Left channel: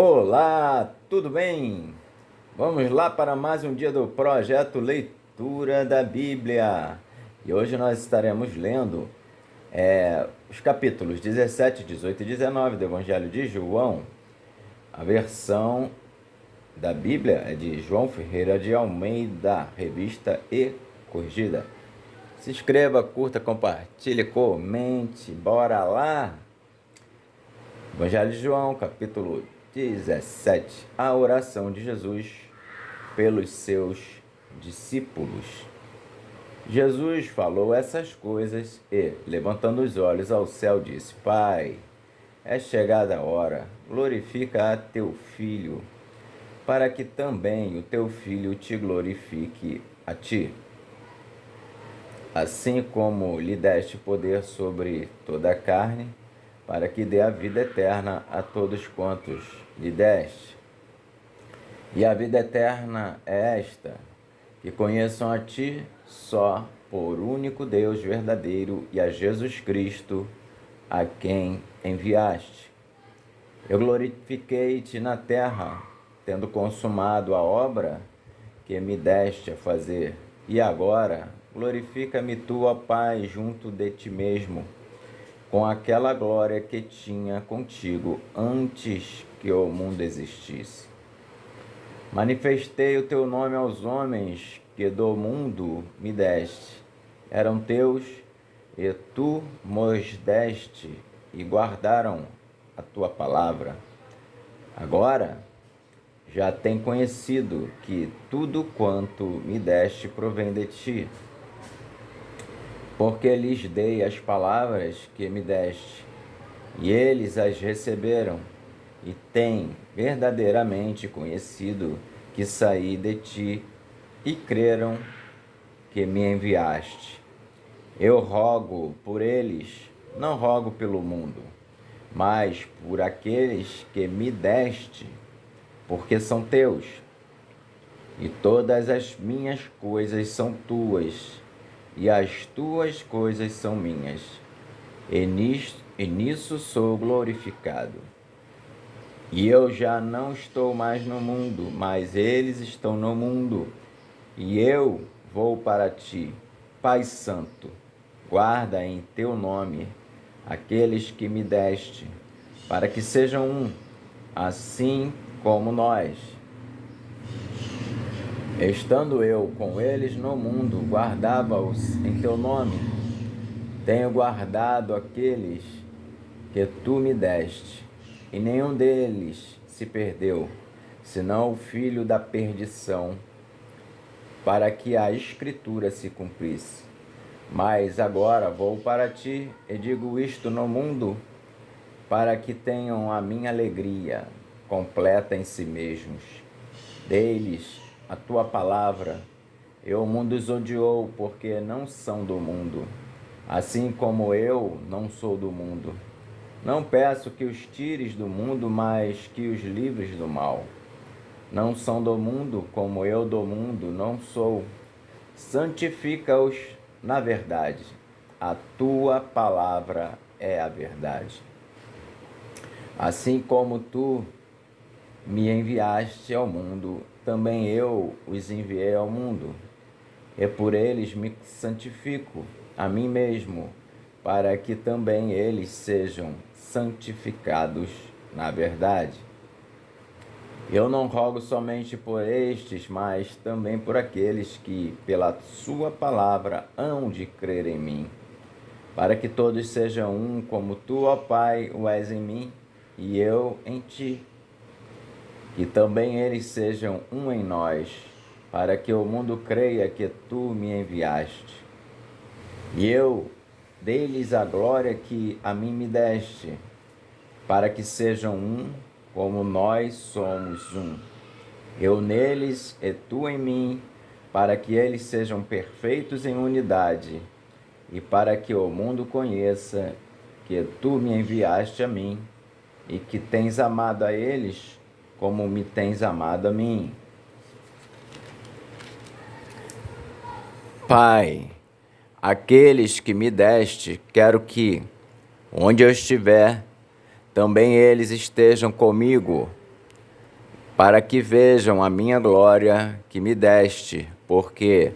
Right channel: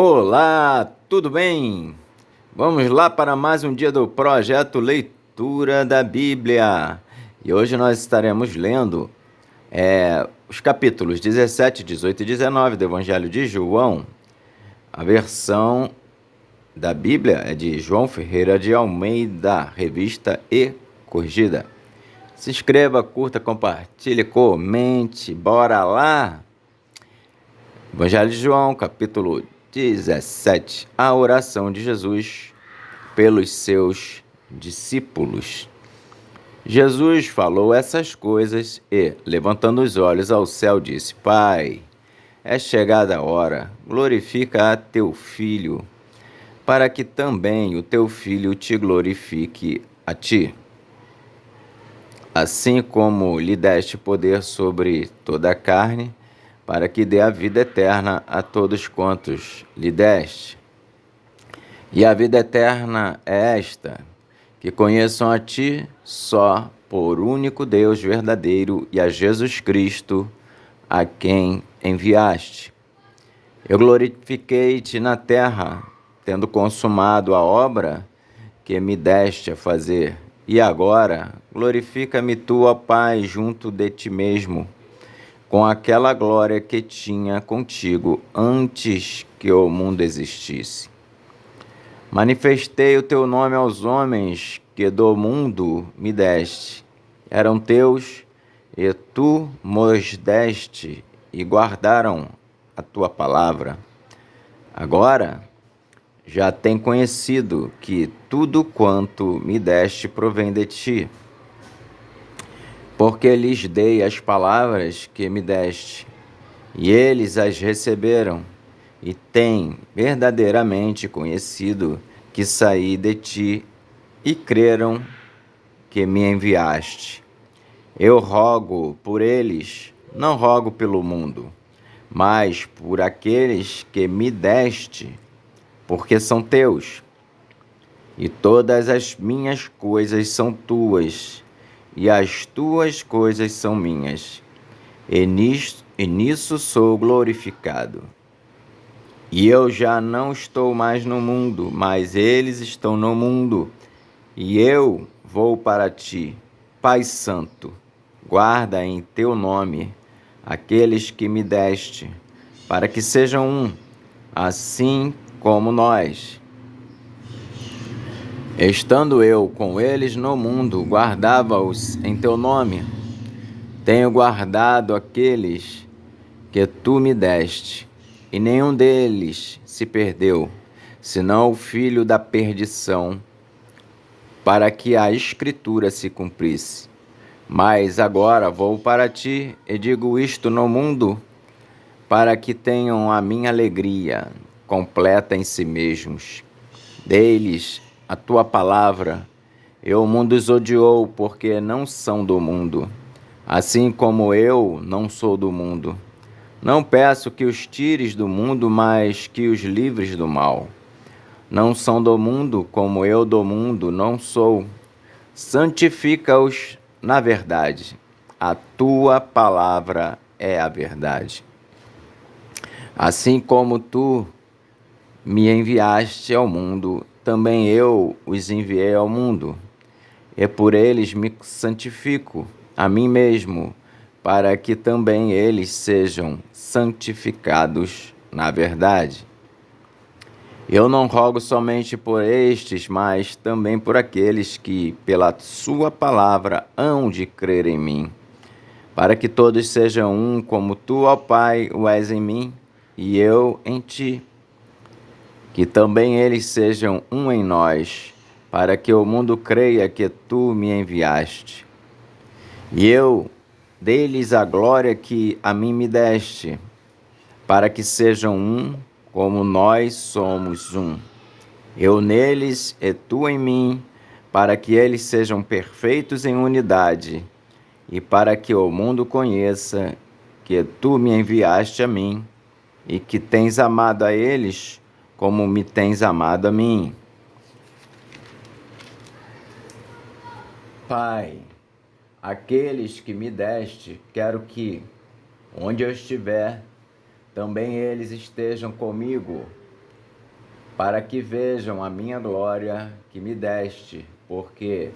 Olá, tudo bem? Vamos lá para mais um dia do projeto Leitura da Bíblia. E hoje nós estaremos lendo os capítulos 17, 18 e 19 do Evangelho de João. A versão da Bíblia é de João Ferreira de Almeida, revista e corrigida. Se inscreva, curta, compartilhe, comente. Bora lá! Evangelho de João, capítulo 17. A oração de Jesus pelos seus discípulos. Jesus falou essas coisas e, levantando os olhos ao céu, disse: Pai, é chegada a hora, glorifica a teu Filho, para que também o teu Filho te glorifique a ti. Assim como lhe deste poder sobre toda a carne, para que dê a vida eterna a todos quantos lhe deste. E a vida eterna é esta, que conheçam a ti só por único Deus verdadeiro e a Jesus Cristo, a quem enviaste. Eu glorifiquei-te na terra, tendo consumado a obra que me deste a fazer. E agora, glorifica-me tu, ó Pai, junto de ti mesmo, com aquela glória que tinha contigo antes que o mundo existisse. Manifestei o teu nome aos homens que do mundo me deste. Eram teus, e tu mos deste, e guardaram a tua palavra. Agora já tem conhecido que tudo quanto me deste provém de ti, porque lhes dei as palavras que me deste, e eles as receberam, e têm verdadeiramente conhecido que saí de ti, e creram que me enviaste. Eu rogo por eles, não rogo pelo mundo, mas por aqueles que me deste, porque são teus. E todas as minhas coisas são tuas, e as tuas coisas são minhas, e nisso sou glorificado. E eu já não estou mais no mundo, mas eles estão no mundo, e eu vou para ti. Pai Santo, guarda em teu nome aqueles que me deste, para que sejam um, assim como nós. Estando eu com eles no mundo, guardava-os em teu nome. Tenho guardado aqueles que tu me deste, e nenhum deles se perdeu, senão o filho da perdição, para que a Escritura se cumprisse. Mas agora vou para ti e digo isto no mundo, para que tenham a minha alegria completa em si mesmos. Dei-lhes a tua palavra, e o mundo os odiou, porque não são do mundo, assim como eu não sou do mundo. Não peço que os tires do mundo, mas que os livres do mal. Não são do mundo, como eu do mundo não sou. Santifica-os na verdade. A tua palavra é a verdade. Assim como tu me enviaste ao mundo, também eu os enviei ao mundo. E por eles me santifico a mim mesmo, para que também eles sejam santificados na verdade. Eu não rogo somente por estes, mas também por aqueles que, pela sua palavra, hão de crer em mim, para que todos sejam um, como tu, ó Pai, o és em mim, e eu em ti. Que também eles sejam um em nós, para que o mundo creia que tu me enviaste. E eu dei-lhes a glória que a mim me deste, para que sejam um, como nós somos um. Eu neles e tu em mim, para que eles sejam perfeitos em unidade, e para que o mundo conheça que tu me enviaste a mim, e que tens amado a eles como me tens amado a mim. Pai, aqueles que me deste, quero que, onde eu estiver, também eles estejam comigo. para que vejam a minha glória que me deste, porque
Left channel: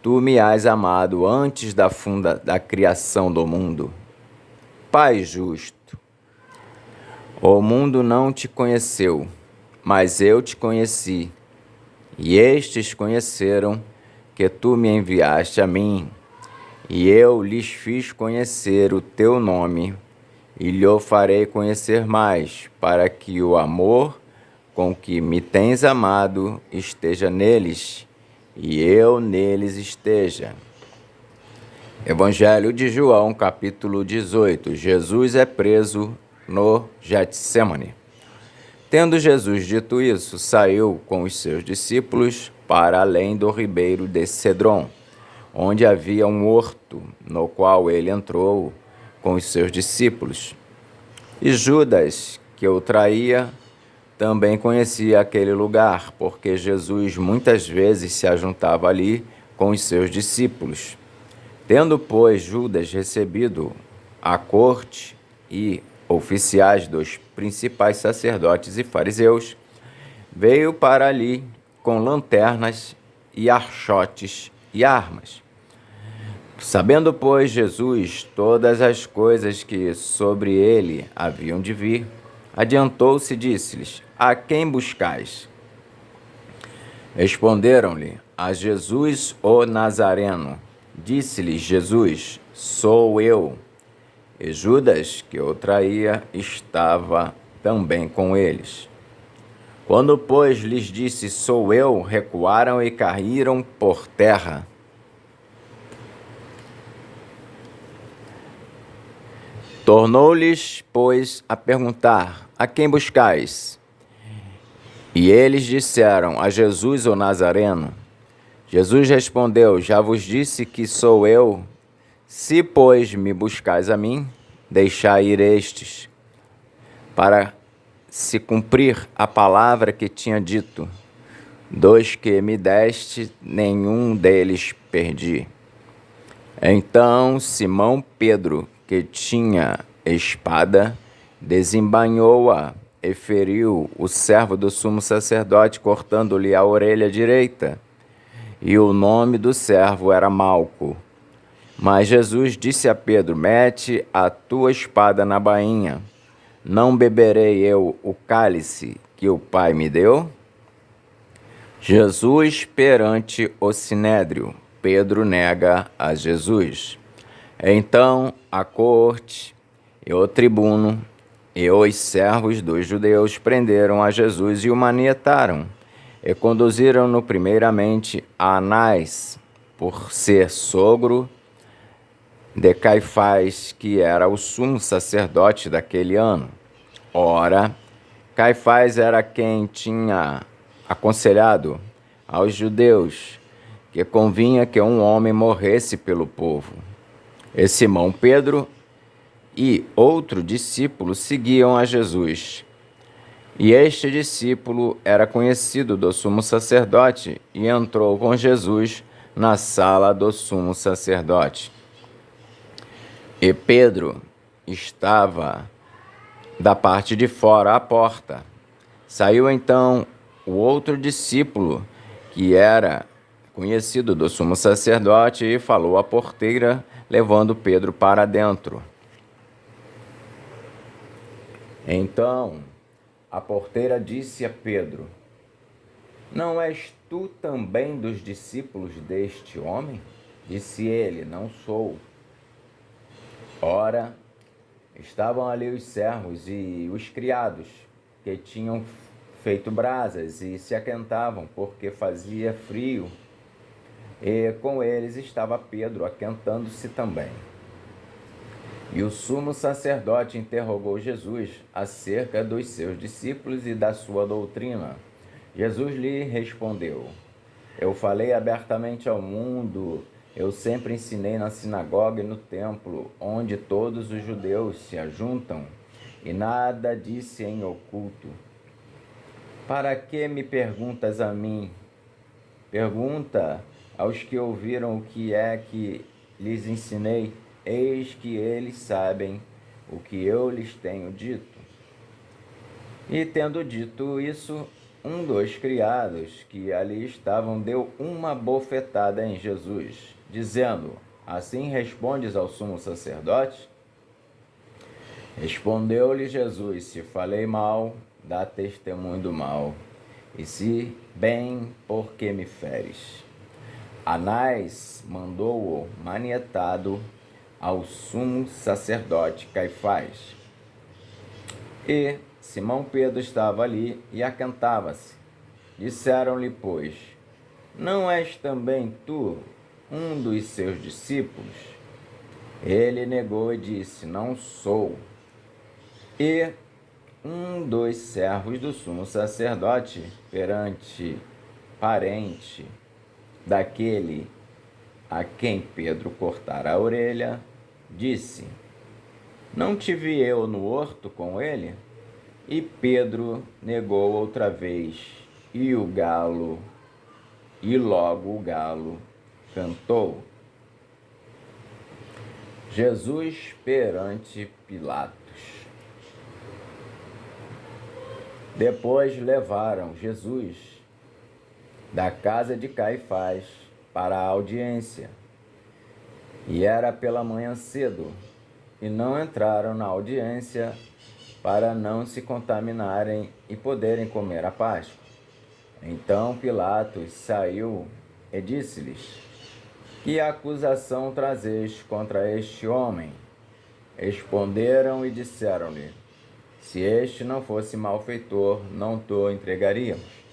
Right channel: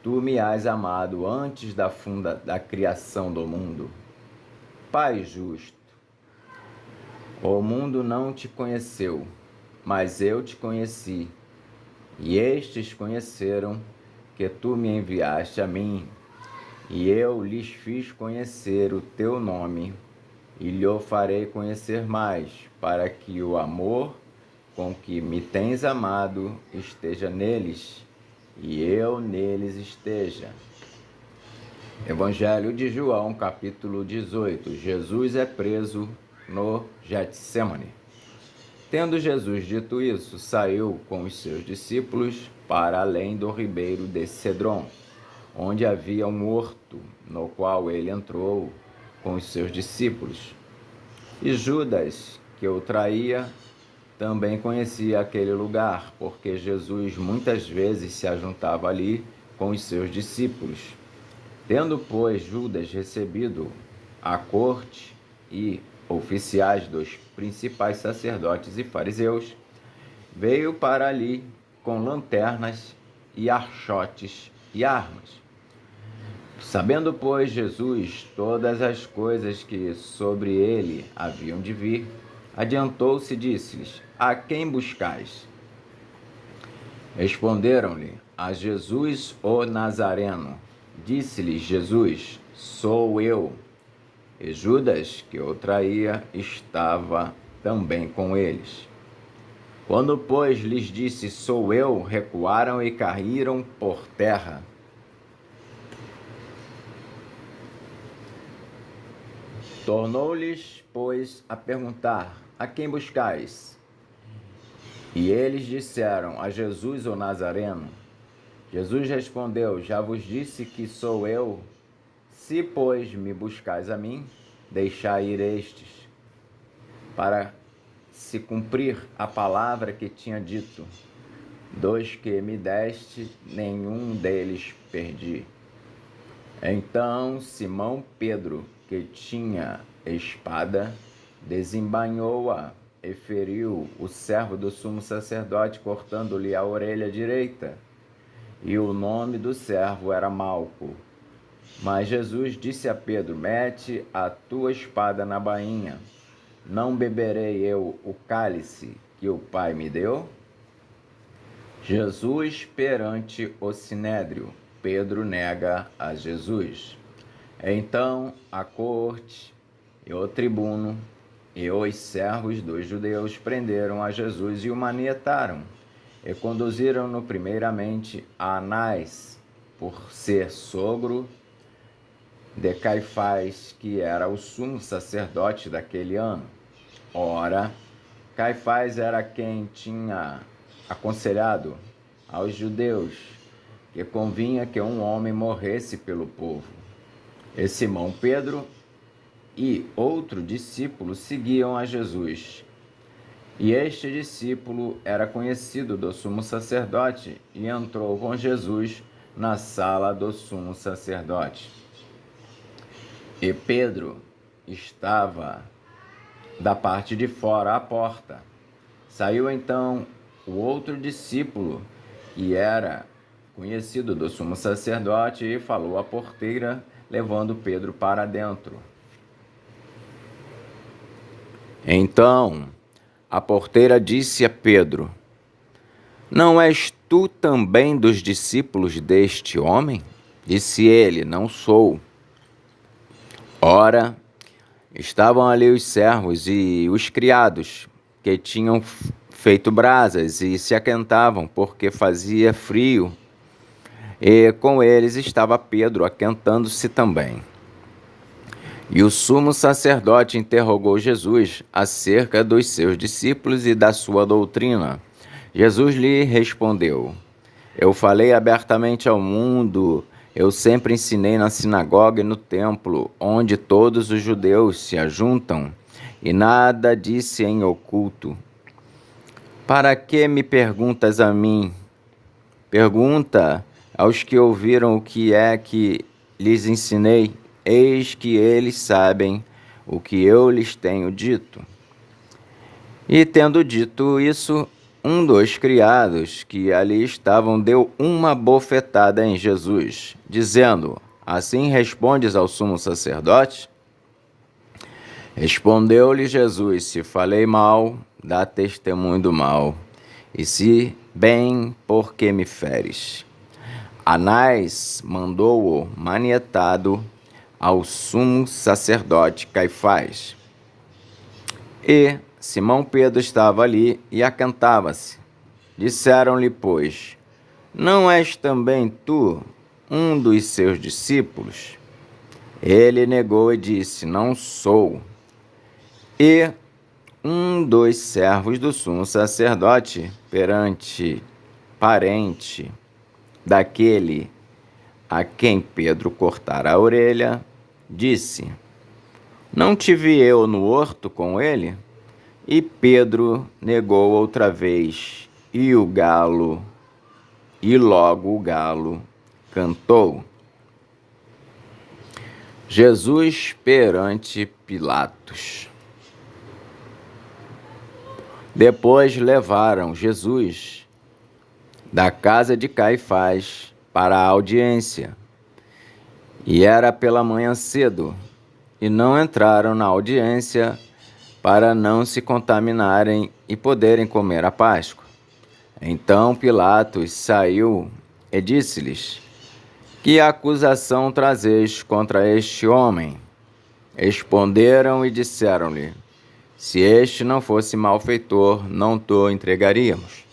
tu me has amado antes da criação do mundo. Pai justo, o mundo não te conheceu, mas eu te conheci, e estes conheceram que tu me enviaste a mim, e eu lhes fiz conhecer o teu nome, e lhe farei conhecer mais, para que o amor com que me tens amado esteja neles, e eu neles esteja. Evangelho de João, capítulo 18. Jesus é preso no Getsêmani. Tendo Jesus dito isso, saiu com os seus discípulos para além do ribeiro de Cedron, onde havia um horto, no qual ele entrou com os seus discípulos. E Judas, que o traía, também conhecia aquele lugar, porque Jesus muitas vezes se ajuntava ali com os seus discípulos. Tendo, pois, Judas recebido a corte e oficiais dos principais sacerdotes e fariseus, veio para ali com lanternas e archotes e armas. Sabendo, pois, Jesus todas as coisas que sobre ele haviam de vir, adiantou-se e disse-lhes: A quem buscais? Responderam-lhe: A Jesus o Nazareno. Disse-lhes Jesus: Sou eu. E Judas, que o traía, estava também com eles. Quando, pois, lhes disse: Sou eu, recuaram e caíram por terra. Tornou-lhes, pois, a perguntar: A quem buscais? E eles disseram: A Jesus o Nazareno. Jesus respondeu: Já vos disse que sou eu. Se, pois, me buscais a mim, deixai ir estes, para se cumprir a palavra que tinha dito: Dos que me deste, nenhum deles perdi. Então Simão Pedro, que tinha espada, desembainhou-a e feriu o servo do sumo sacerdote, cortando-lhe a orelha direita. E o nome do servo era Malco. Mas Jesus disse a Pedro: Mete a tua espada na bainha. Não beberei eu o cálice que o Pai me deu? Jesus perante o sinédrio. Pedro nega a Jesus. Então a corte e o tribuno e os servos dos judeus prenderam a Jesus e o manietaram, e conduziram-no primeiramente a Anás, por ser sogro de Caifás, que era o sumo sacerdote daquele ano. Ora, Caifás era quem tinha aconselhado aos judeus que convinha que um homem morresse pelo povo. E Simão Pedro e outro discípulo seguiam a Jesus. E este discípulo era conhecido do sumo sacerdote e entrou com Jesus na sala do sumo sacerdote. E Pedro estava da parte de fora à porta. Saiu então o outro discípulo, que era conhecido do sumo sacerdote, e falou à porteira, levando Pedro para dentro. Então a porteira disse a Pedro: Não és tu também dos discípulos deste homem? Disse ele: Não sou. Ora, estavam ali os servos e os criados, que tinham feito brasas e se aquentavam, porque fazia frio. E com eles estava Pedro, aquentando-se também. E o sumo sacerdote interrogou Jesus acerca dos seus discípulos e da sua doutrina. Jesus lhe respondeu: Eu falei abertamente ao mundo. Eu sempre ensinei na sinagoga e no templo, onde todos os judeus se ajuntam, e nada disse em oculto. Para que me perguntas a mim? Pergunta aos que ouviram o que é que lhes ensinei. Eis que eles sabem o que eu lhes tenho dito. E tendo dito isso, um dos criados que ali estavam deu uma bofetada em Jesus, dizendo: Assim respondes ao sumo sacerdote? Respondeu-lhe Jesus: Se falei mal, dá testemunho do mal, e se bem, por que me feres? Anás mandou-o manietado ao sumo sacerdote Caifás. E Simão Pedro estava ali e acantava-se. Disseram-lhe, pois, não és também tu um dos seus discípulos? Ele negou e disse, não sou. E um dos servos do sumo sacerdote, parente daquele a quem Pedro cortara a orelha, disse, não te vi eu no horto com ele? E Pedro negou outra vez, e logo o galo cantou. Jesus perante Pilatos. Depois levaram Jesus da casa de Caifás para a audiência. E era pela manhã cedo, e não entraram na audiência para não se contaminarem e poderem comer a Páscoa. Então Pilatos saiu e disse-lhes, que acusação trazeis contra este homem? Responderam e disseram-lhe, se este não fosse malfeitor, não te entregaríamos.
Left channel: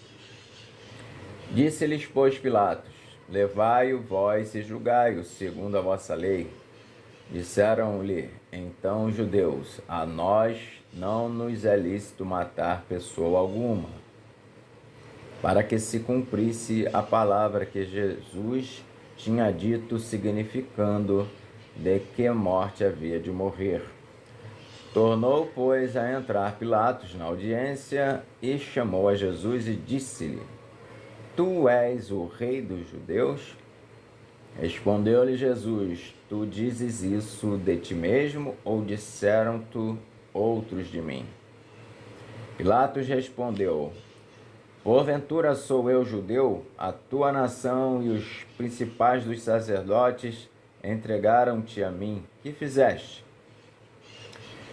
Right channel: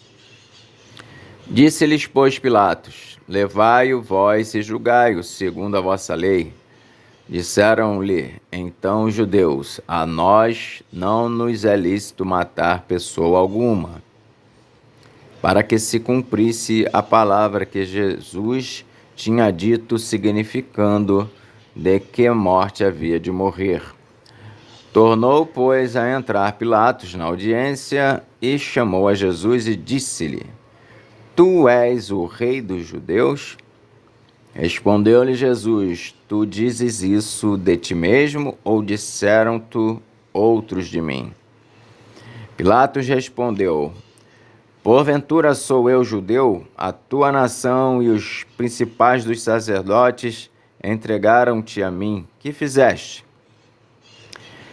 Disse-lhes, pois, Pilatos, levai-o vós e julgai-o segundo a vossa lei. Disseram-lhe então os judeus, a nós não nos é lícito matar pessoa alguma, para que se cumprisse a palavra que Jesus tinha dito, significando de que morte havia de morrer. Tornou, pois, a entrar Pilatos na audiência e chamou a Jesus e disse-lhe, tu és o rei dos judeus? Respondeu-lhe Jesus, tu dizes isso de ti mesmo ou disseram-te outros de mim? Pilatos respondeu, porventura sou eu judeu? A tua nação e os principais dos sacerdotes entregaram-te a mim. Que fizeste?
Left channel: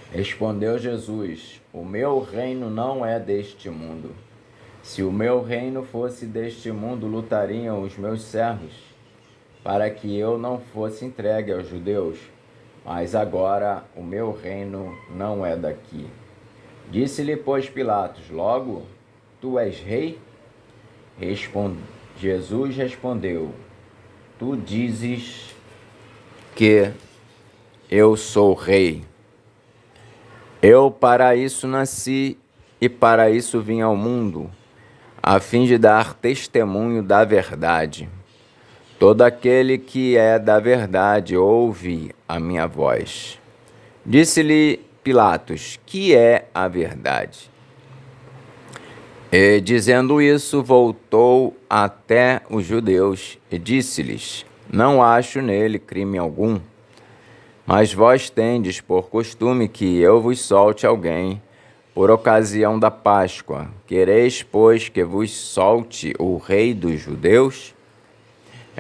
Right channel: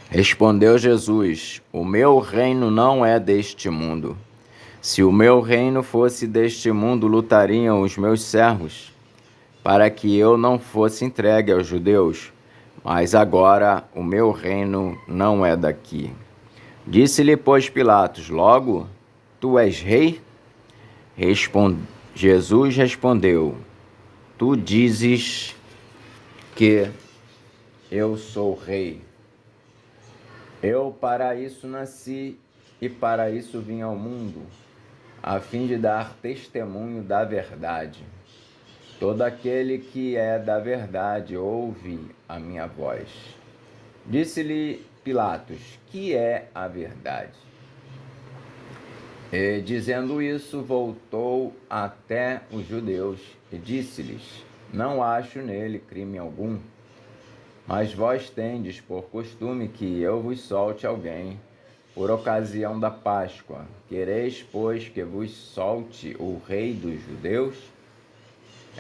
Respondeu Jesus, o meu reino não é deste mundo. Se o meu reino fosse deste mundo, lutariam os meus servos, para que eu não fosse entregue aos judeus. Mas agora o meu reino não é daqui. Disse-lhe, pois, Pilatos, logo, tu és rei? Jesus respondeu, tu dizes que eu sou rei. Eu para isso nasci e para isso vim ao mundo, a fim de dar testemunho da verdade. Todo aquele que é da verdade ouve a minha voz. Disse-lhe Pilatos, que é a verdade? E dizendo isso, voltou até os judeus e disse-lhes, não acho nele crime algum, mas vós tendes por costume que eu vos solte alguém por ocasião da Páscoa. Quereis, pois, que vos solte o rei dos judeus?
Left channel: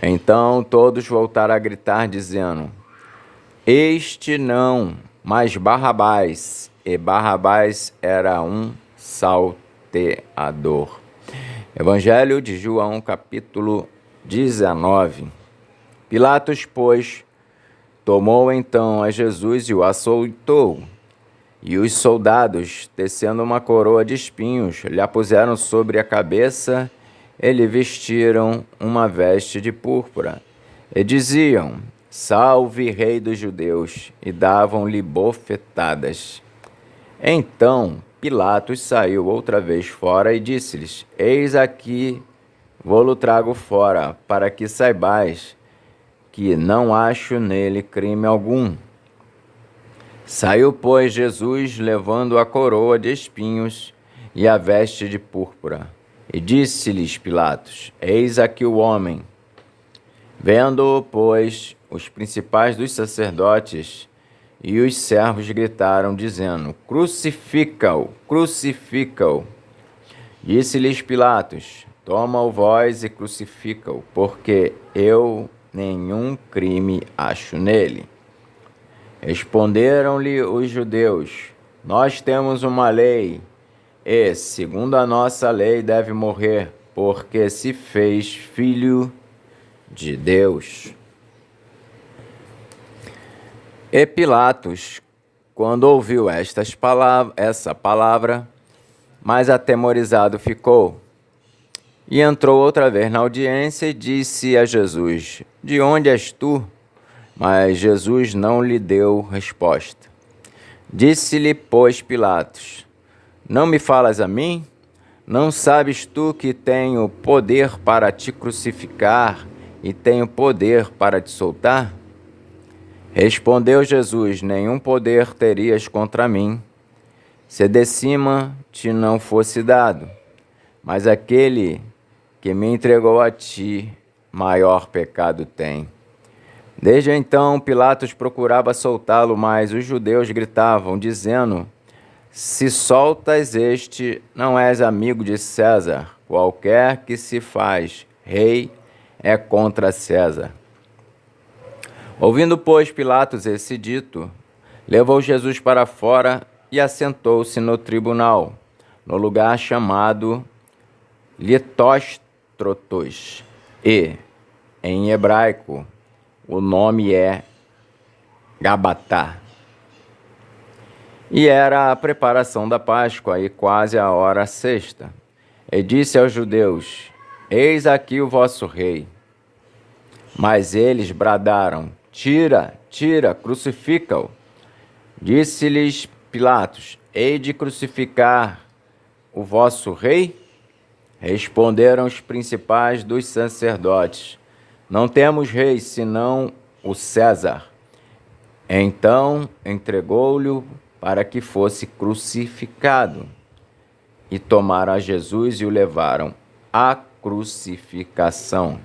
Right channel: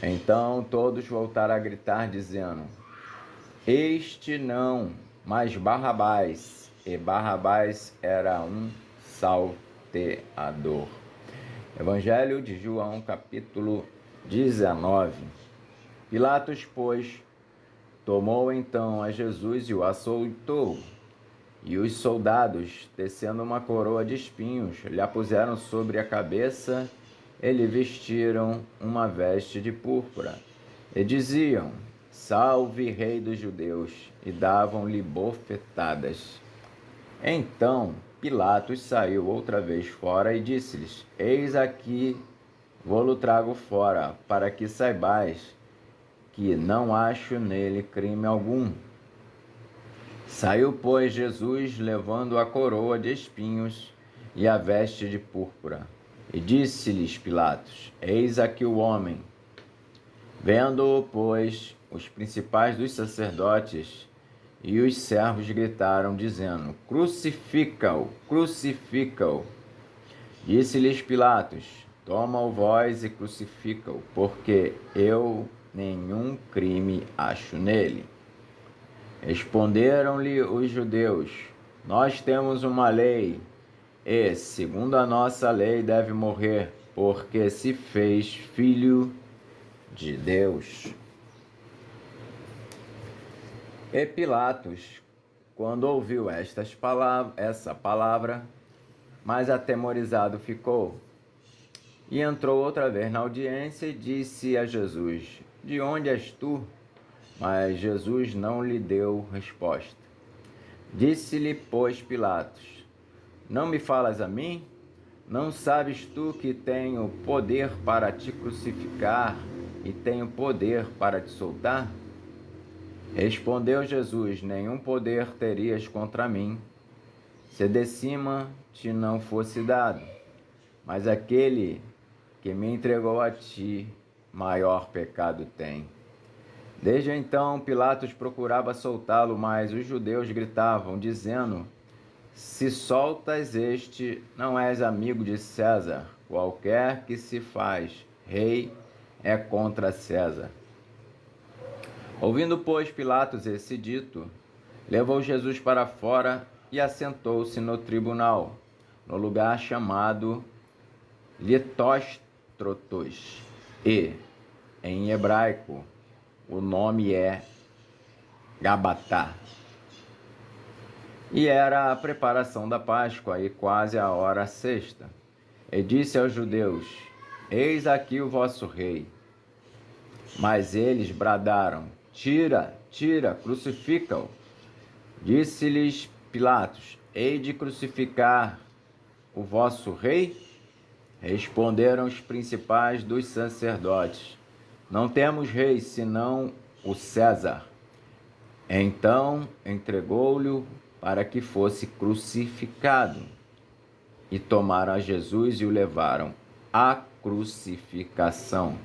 Então todos voltaram a gritar, dizendo, este não, mas Barrabás. E Barrabás era um salteador. Evangelho de João, capítulo 19. Pilatos, pois, tomou então a Jesus e o açoitou. E os soldados, tecendo uma coroa de espinhos, lhe a puseram sobre a cabeça e lhe vestiram uma veste de púrpura. E diziam, salve, rei dos judeus, e davam-lhe bofetadas. Então Pilatos saiu outra vez fora e disse-lhes, eis aqui, vou-lo trago fora, para que saibais que não acho nele crime algum. Saiu, pois, Jesus, levando a coroa de espinhos e a veste de púrpura. E disse-lhes Pilatos, eis aqui o homem. Vendo-o, pois, os principais dos sacerdotes e os servos gritaram, dizendo, crucifica-o, crucifica-o. Disse-lhes Pilatos: Toma-o vós e crucifica-o, porque eu nenhum crime acho nele. Responderam-lhe os judeus: Nós temos uma lei, e, segundo a nossa lei, deve morrer, porque se fez filho de Deus. E Pilatos, quando ouviu essa palavra, mais atemorizado ficou. E entrou outra vez na audiência e disse a Jesus: De onde és tu? Mas Jesus não lhe deu resposta. Disse-lhe, pois, Pilatos: Não me falas a mim? Não sabes tu que tenho poder para te crucificar e tenho poder para te soltar? Respondeu Jesus: Nenhum poder terias contra mim, se de cima te não fosse dado. Mas aquele que me entregou a ti, maior pecado tem. Desde então, Pilatos procurava soltá-lo, mas os judeus gritavam, dizendo: Se soltas este, não és amigo de César. Qualquer que se faz rei é contra César. Ouvindo, pois, Pilatos esse dito, levou Jesus para fora e assentou-se no tribunal, no lugar chamado Litóstrotos, e, em hebraico, o nome é Gabatá. E era a preparação da Páscoa e quase a hora sexta. E disse aos judeus: Eis aqui o vosso rei. Mas eles bradaram: Tira, tira, crucifica-o. Disse-lhes Pilatos: Hei de crucificar o vosso rei? Responderam os principais dos sacerdotes: Não temos rei, senão o César. Então entregou-lhe para que fosse crucificado. E tomaram a Jesus e o levaram à crucificação.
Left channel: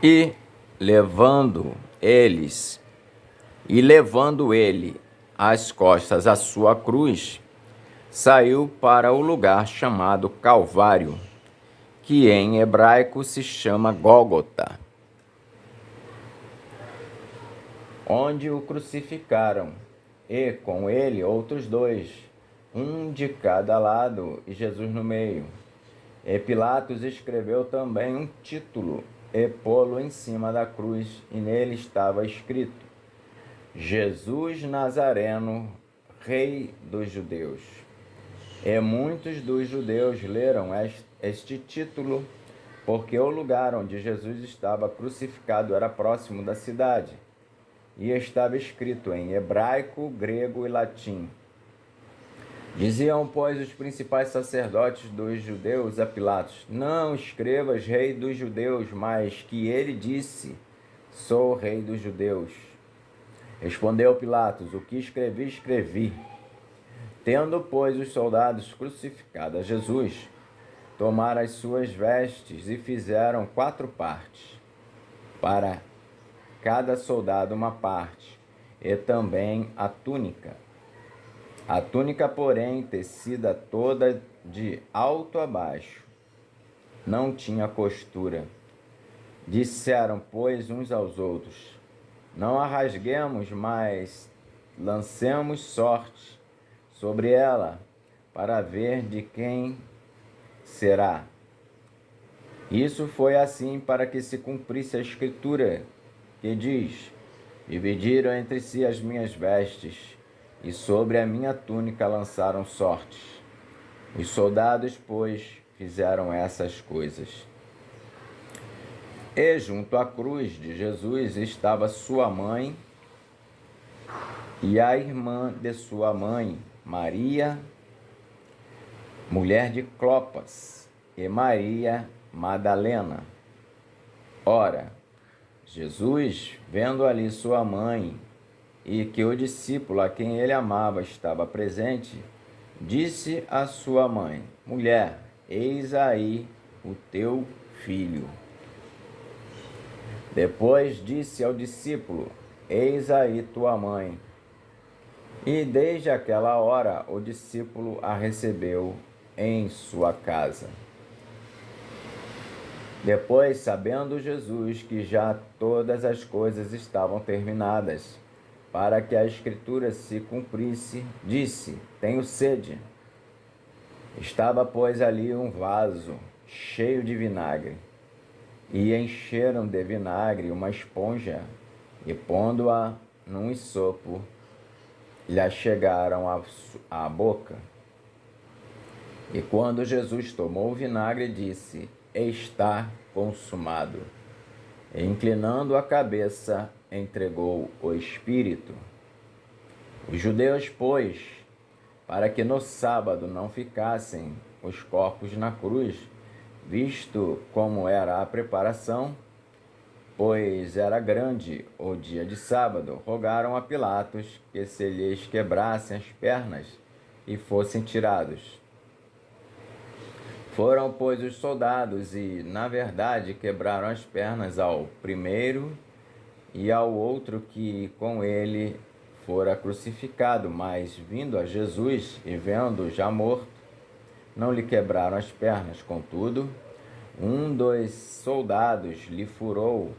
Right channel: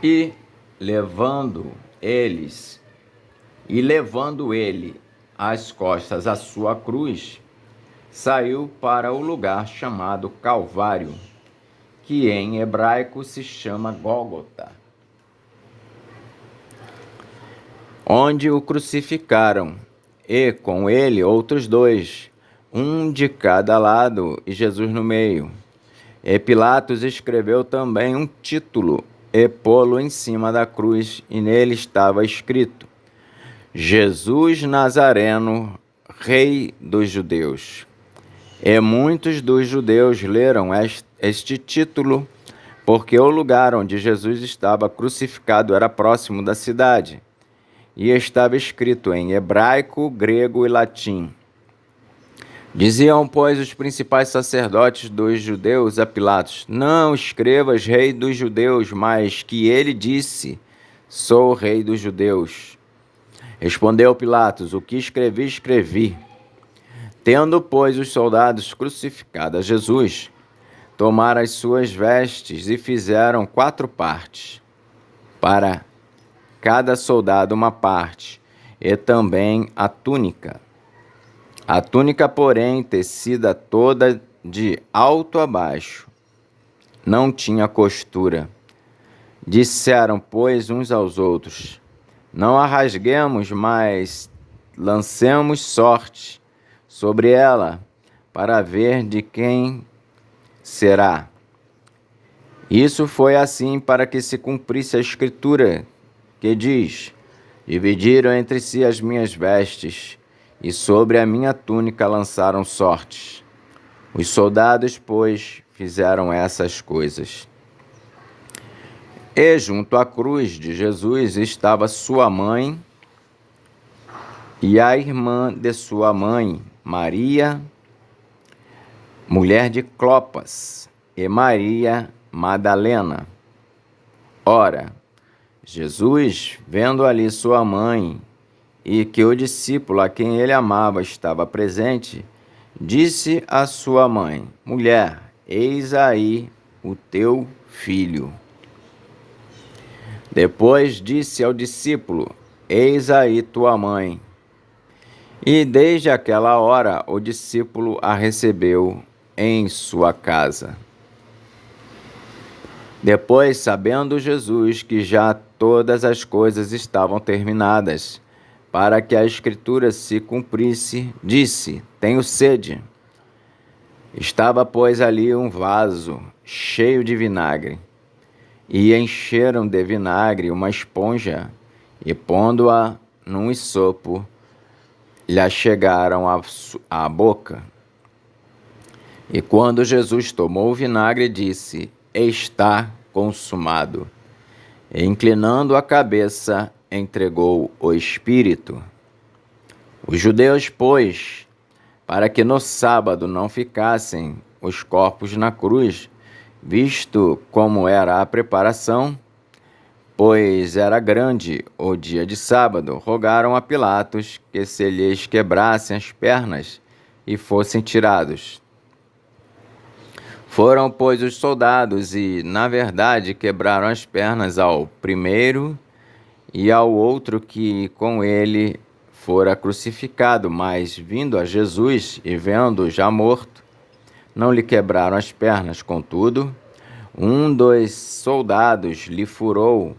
E levando ele às costas a sua cruz, saiu para o lugar chamado Calvário, que em hebraico se chama Gólgota, onde o crucificaram, e com ele outros dois, um de cada lado e Jesus no meio. E Pilatos escreveu também um título e pô-lo em cima da cruz, e nele estava escrito: Jesus Nazareno, Rei dos Judeus. E muitos dos judeus leram este título, porque o lugar onde Jesus estava crucificado era próximo da cidade, e estava escrito em hebraico, grego e latim. Diziam, pois, os principais sacerdotes dos judeus a Pilatos: Não escrevas rei dos judeus, mas que ele disse: Sou rei dos judeus. Respondeu Pilatos: O que escrevi, escrevi. Tendo, pois, os soldados crucificado a Jesus, tomaram as suas vestes e fizeram 4 partes, para cada soldado uma parte, e também a túnica. A túnica, porém, tecida toda de alto a baixo, não tinha costura. Disseram, pois, uns aos outros: Não a rasguemos, mas lancemos sorte sobre ela, para ver de quem será. Isso foi assim para que se cumprisse a escritura, que diz: Dividiram entre si as minhas vestes, e sobre a minha túnica lançaram sortes. Os soldados, pois, fizeram essas coisas. E junto à cruz de Jesus estava sua mãe e a irmã de sua mãe, Maria, mulher de Clopas, e Maria Madalena. Ora, Jesus, vendo ali sua mãe e que o discípulo a quem ele amava estava presente, disse à sua mãe: Mulher, eis aí o teu filho. Depois disse ao discípulo: Eis aí tua mãe. E desde aquela hora o discípulo a recebeu em sua casa. Depois, sabendo Jesus que já todas as coisas estavam terminadas, para que a Escritura se cumprisse, disse: Tenho sede. Estava, pois, ali um vaso cheio de vinagre, e encheram de vinagre uma esponja, e pondo-a num isopo, lhe achegaram à boca. E quando Jesus tomou o vinagre, disse: Está consumado. E, inclinando a cabeça, entregou o Espírito. Os judeus, pois, para que no sábado não ficassem os corpos na cruz, visto como era a preparação, pois era grande o dia de sábado, rogaram a Pilatos que se lhes quebrassem as pernas e fossem tirados. Foram, pois, os soldados e, na verdade, quebraram as pernas ao primeiro e ao outro que com ele fora crucificado, mas, vindo a Jesus e vendo-o já morto, não lhe quebraram as pernas. Contudo, um dos soldados lhe furou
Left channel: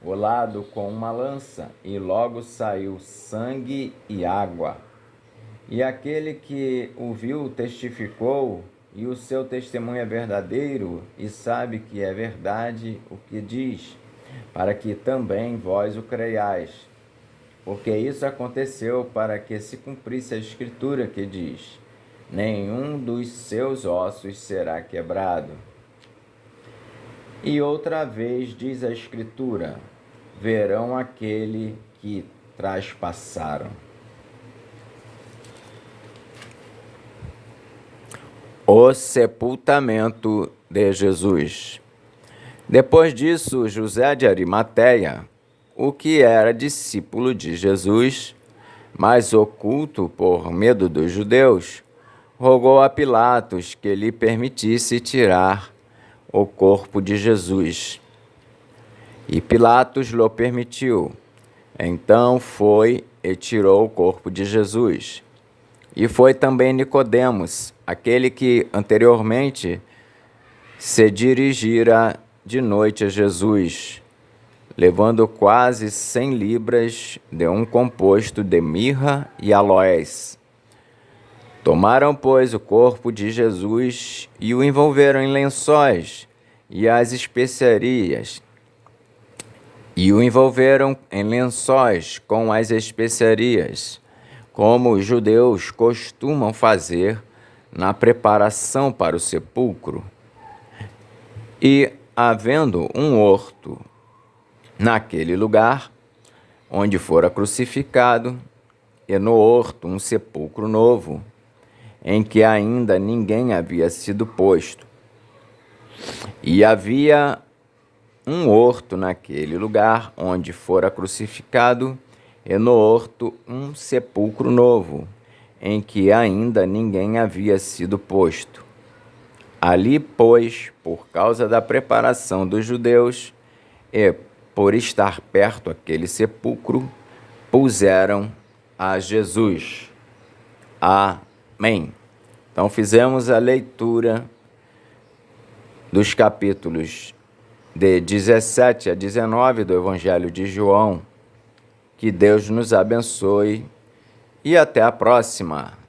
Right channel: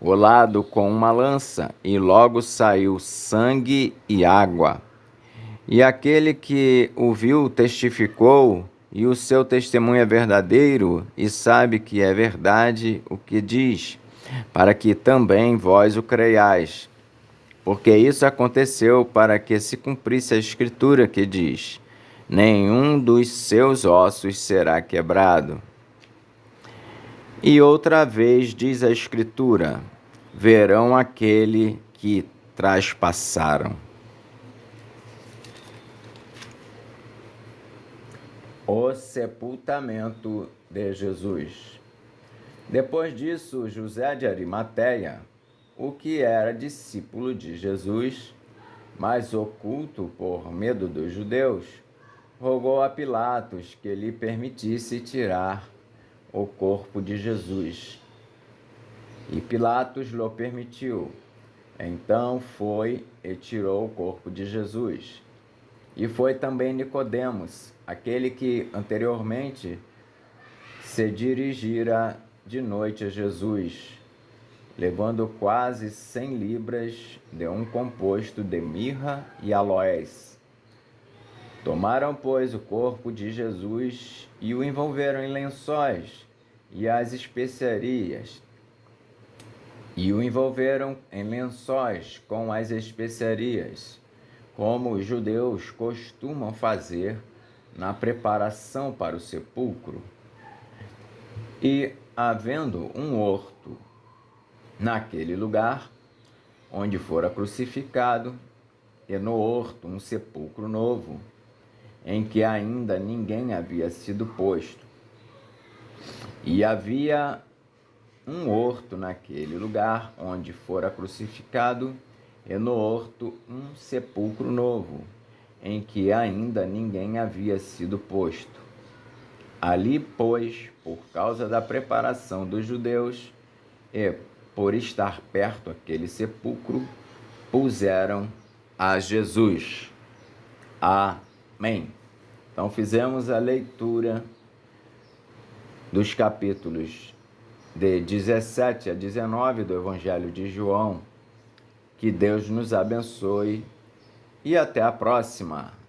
o lado com uma lança, e logo saiu sangue e água. E aquele que o viu testificou, e o seu testemunho é verdadeiro, e sabe que é verdade o que diz, para que também vós o creiais. Porque isso aconteceu para que se cumprisse a Escritura que diz: nenhum dos seus ossos será quebrado. E outra vez diz a Escritura: verão aquele que traspassaram. O sepultamento de Jesus. Depois disso, José de Arimateia, o que era discípulo de Jesus, mas oculto por medo dos judeus, rogou a Pilatos que lhe permitisse tirar o corpo de Jesus. E Pilatos lhe permitiu. Então foi e tirou o corpo de Jesus. E foi também Nicodemos, aquele que anteriormente se dirigira de noite a Jesus, levando quase 100 libras de um composto de mirra e aloés. Tomaram, pois, o corpo de Jesus e o envolveram em lençóis e as especiarias, com as especiarias, como os judeus costumam fazer na preparação para o sepulcro. E, havendo um horto naquele lugar onde fora crucificado, e no horto um sepulcro novo, em que ainda ninguém havia sido posto. E havia um horto naquele lugar onde fora crucificado, e no horto um sepulcro novo, em que ainda ninguém havia sido posto. Ali, pois, por causa da preparação dos judeus e por estar perto aquele sepulcro, puseram a Jesus. Amém. Então, fizemos a leitura dos capítulos de 17 a 19 do Evangelho de João. Que Deus nos abençoe e até a próxima.